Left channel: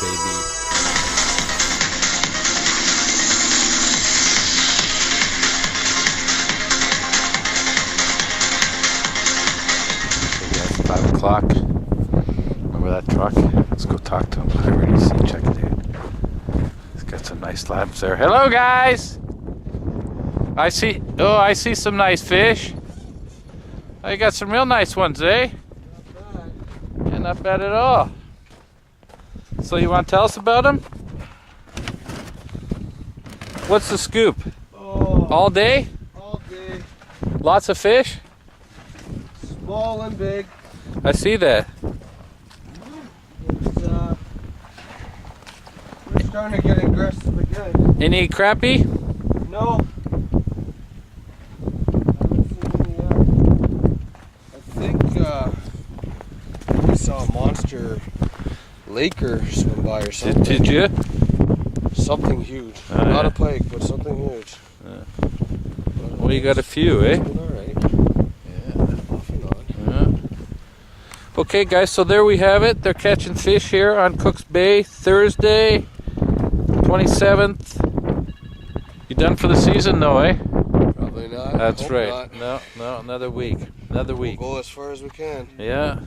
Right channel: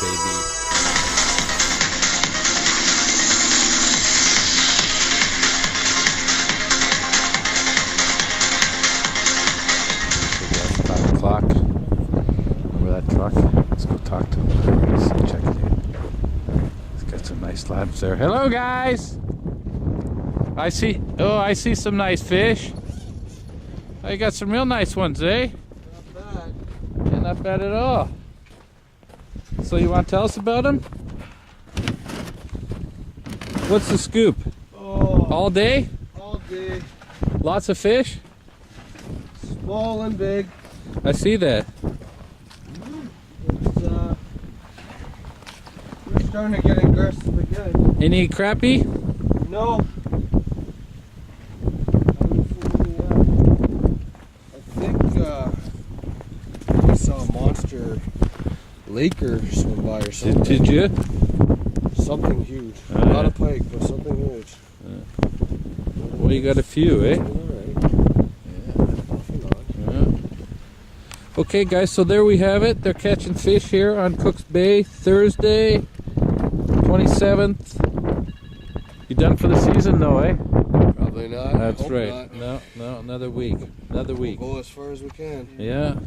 baby. Okay, guys, 5 o'clock. Remember that truck? Let's go talk to him. I already see. Check it out. He's got some nice slabs there. Hello, guys. I see. Oh, I see some nice fish. Oh, you got some real nice ones, eh? Not bad. Yeah, not bad at all. So you want to tell us about them? What's the scoop? Oh, All day? all day. Lots of fish? Small and big. I see that. It's we're starting to get aggressive again. Any crappie? No. I haven't seen any yet. I think we saw a monster laker swim by or something. Did you? Something huge. Oh, Not yeah. a pike, but something huge. Well, you got a few, eh? It's been alright. Yeah. Off and on. Yeah. Okay, guys, so there we have it. They're catching fish here on Cook's Bay Thursday, 27th. You done for the season, though, eh? Probably not. That's Hope right. not. No, another week. Another week. We'll go as far as we can. Yeah.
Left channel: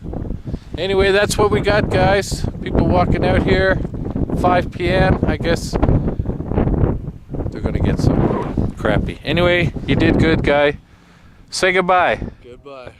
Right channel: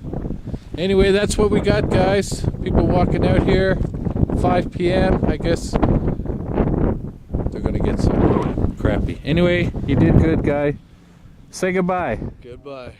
Anyway, that's what we got, guys. People walking out here, 5 p.m. I guess they're going to get some crappie. Anyway, you did good, guy. Say goodbye. Goodbye.